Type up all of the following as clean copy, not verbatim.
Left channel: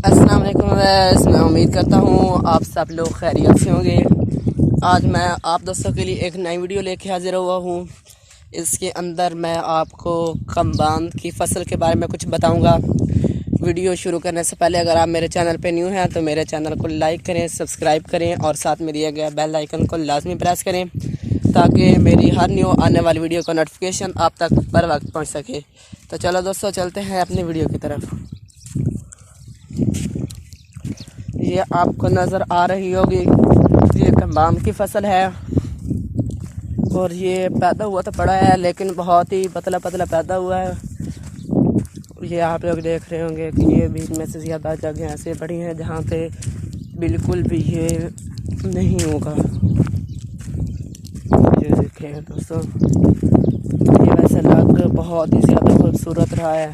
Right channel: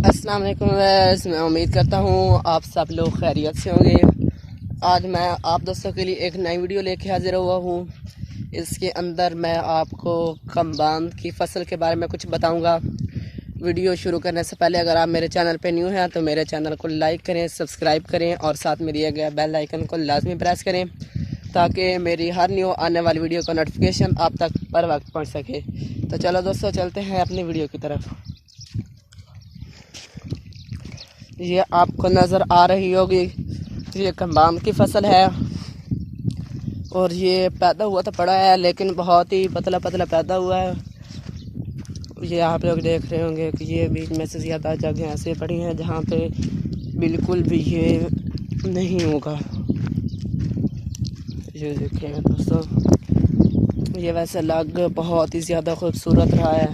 السلام علیکم ویس، میں امید کرتا ہوں آپ سب لوگ خیریت سے ہوں گے۔ آج میں آپ دوستوں کے لیے ایک نئی ویڈیو لے کے حاضر ہوا ہوں۔ اس کے اندر میں آپ کو کمباند کی فصل کے بارے میں کچھ بتاؤں گا۔ ویڈیو شروع کرنے سے پہلے اگر آپ میرے چینل پہ نیو ہیں تو میرے چینل کو لائک کریں، سبسکرائب کریں اور ساتھ میں دیا گیا بیل آئیکن کو لازمی پریس کریں تاکہ میری ہر نیو آنے والی ویڈیو کا نوٹیفیکیشن آپ تک پر وقت پہنچ سکے۔ تو چلو دوستو چلتے ہیں اپنی ویڈیو کی طرف۔ یہ آپ کو نظر آ رہی ہوگی، یہ کمباند کی فصل ہے اور یہ پیدا ہوا تو پڑا ہے لیکن بہت ہی پتلا پتلا پیدا ہوا ہے۔ یہ آپ لوگ دیکھ رہے ہوں گے کہ یہ بیچ میں سے زیادہ جگہیں ایسے پڑی ہیں جہاں پہ بالکل بھی یہ نہیں ہوگا۔ یہ دیکھ رہے ہیں دوستوں، یہ ویسے لگ بہت ہی زیادہ خوبصورت رہا ہے،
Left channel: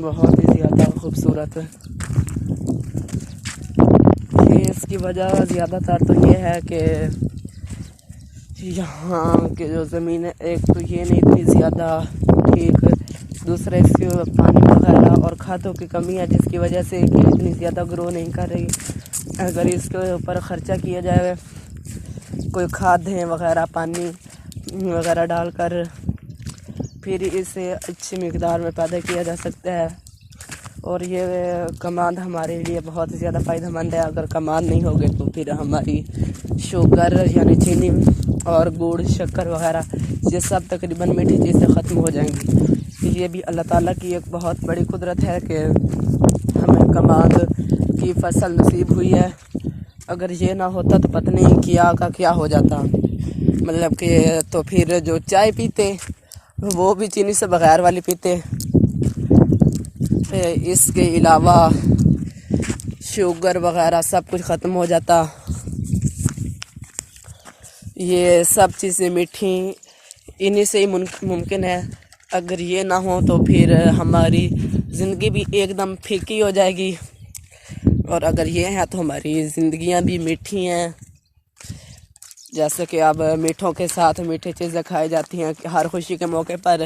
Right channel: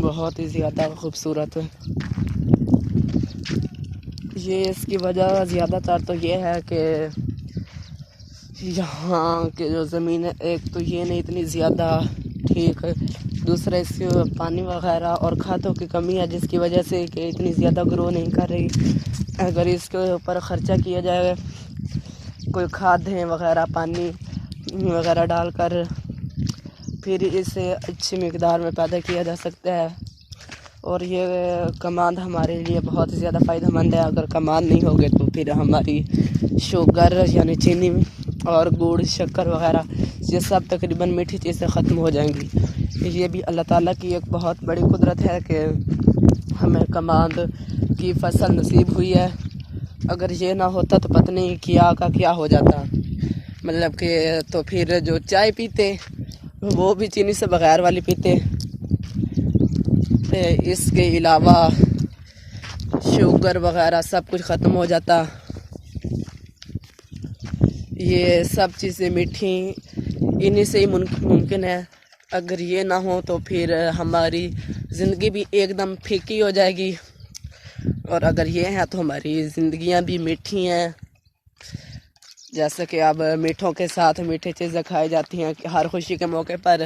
بہت ہی زیادہ خوبصورت۔ یہ اس کی وجہ زیادہ تر تو یہ ہے کہ یہاں کی جو زمین ہے، ایک تو یہ نہیں اتنی زیادہ ٹھیک، دوسرا اس کے پانی وغیرہ اور کھادوں کی کمی ہے جس کی وجہ سے کہ اتنی زیادہ گرو نہیں کر رہی۔ اگر اس کے اوپر خرچہ کیا جائے، کوئی کھادیں وغیرہ پانی وغیرہ ڈال کر، پھر اسے اچھی مقدار میں پیدا کیا جا سکتا ہے۔ اور یہ کماند ہمارے لیے بہت ہی زیادہ فائدہ مند ہے۔ اگر کماند نہیں ہوگے تو پھر ہماری شوگر یعنی چینی اور گڑ شکر وغیرہ یہ سب تقریباً میٹھی چیزیں ختم ہو جائیں گی۔ یہ بھی اللہ تعالیٰ کی ایک بہت بڑی قدرت ہے کہ ہمیں کماند کی فصل نصیب ہوئی ہے۔ اگر یہ نہ ہوتا تو پتہ نہیں کیا کا کیا ہو جاتا، مطلب کہ تو پھر جو چائے پیتے وہ بھی چینی سے بغیر والی پیتے، اس کے علاوہ شوگر وغیرہ سب کچھ ختم ہو جاتا۔ یہ سب چیزیں میٹھی انہی سے ہی ممکن ہے۔ اگر یہ نہ ہو تو پھر ہماری زندگی بھی ایک دم پھیکی ہو جائے گی، اور اگر یہ ہے تو ہماری زندگیاں بھی میٹھی ہیں۔ جیسے کہ اب میٹھوں کے ساتھ میٹھی چیزیں کھائی جاتی ہیں ہر خوشی کے موقع پر،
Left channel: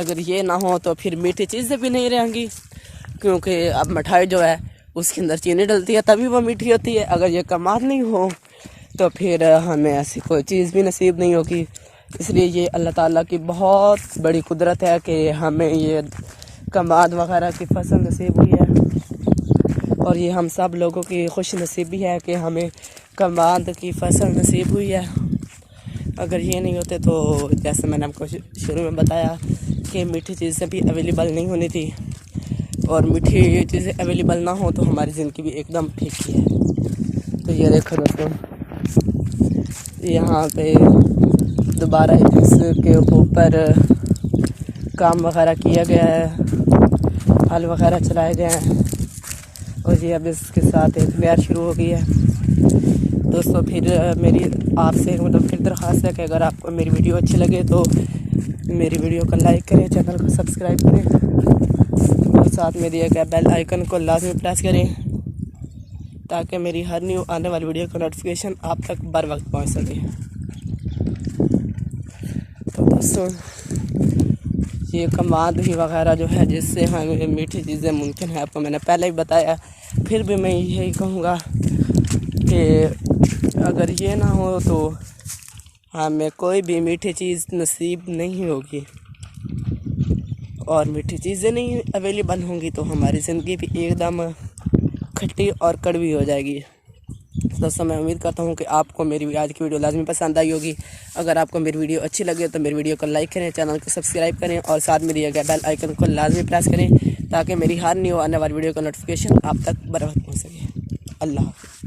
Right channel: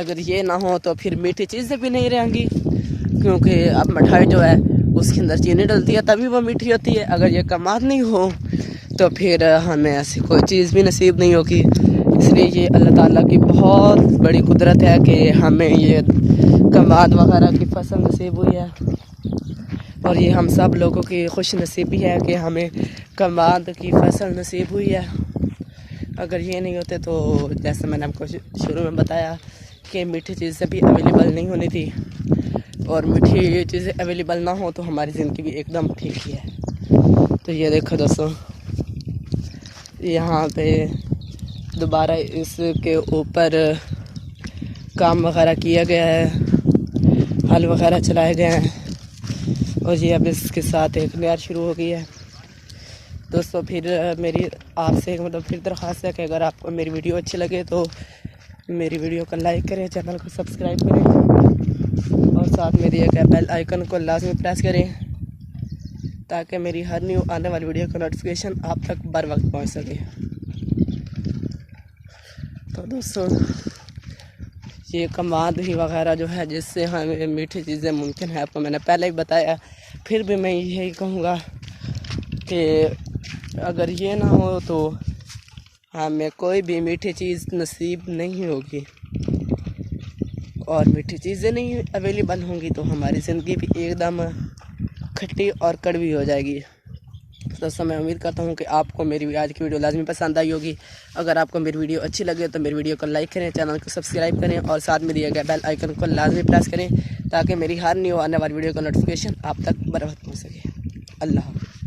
اگر یہ نہ ہو تو پھر میٹھی چیزیں بھی نہیں رہیں گی، کیونکہ اب مٹھائی جو ہے اس کے اندر چینی ڈلتی ہے تبھی وہ میٹھی ہوتی ہے۔ اگر یہ کماند نہیں ہو تو پھر ہمیں ایسی کوئی چیز بھی نصیب نہیں ہوگی۔ اس لیے یہ اللہ تعالیٰ کی بہت بڑی قدرت ہے کہ ہمیں یہ کماند وغیرہ کی فصل نصیب ہوئی ہے، اور یہ ہم سب لوگوں کی خوش نصیبی ہے کہ ہمیں کماند کی فصل نصیب ہوئی ہے۔ اگر یہ نہیں ہوتے تو جیسے میں نے آپ کو شروع میں بتایا کہ میٹھی چیزیں بھی اویلیبل نہیں ہونی تھی، اور میٹھی چیزیں اویلیبل نہ ہوں تو ہماری زندگی بھی ایک دم پھیکی ہے۔ تو یہ دیکھو دوستوں، یہاں پہ دوبارہ اس کے اوپر کام وغیرہ کیا گیا ہے، ہل وغیرہ چلائے گئے ہیں، اور یہ اب اس کے ساتھ ایک نہر شروع ہو گئی ہے۔ دوستو پھر میری آپ سے پھر درخواست ہے کہ اگر آپ کو میری ویڈیو اچھی لگے تو میری ویڈیو کو لائک کریں، چینل کو سبسکرائب کریں اور ساتھ میں دیا گیا بیل آئیکن کو لازمی پریس کریں تاکہ میری ہر نیو آنے والی ویڈیو کا نوٹیفیکیشن آپ تک بر وقت پہنچ سکے۔ تو دوستو یہ کماند ہی وغیرہ جو ہے جس سے ہمیں میٹھی چیزیں ممکن ہے، آپ کو میں نے پہلے ہی بتایا، پھر بھی میں یہی کہوں گا کہ اگر یہ نہ ہو تو ہمیں کوئی بھی میٹھی چیز نصیب نہیں ہوگی، اور میٹھی چیزیں نہیں اویلیبل ہوں گی تو ہماری زندگی بھی ایک دم کھٹی اور کڑوی ہو جائے گی۔ دوستوں میں امید کرتا ہوں کہ آپ کو میری آج کی ویڈیو لازمی پسند آئی ہوگی۔ اگر آپ کو میری ویڈیو اچھی لگے تو میری ویڈیو کو لائک کریں، چینل کو سبسکرائب کریں اور ساتھ میں دیا گیا بیل آئیکن کو لازمی پریس کریں تاکہ میری ہر نیو آنے والی ویڈیو کا نوٹیفیکیشن آپ تک بر وقت پہنچ سکے۔ اللہ حافظ۔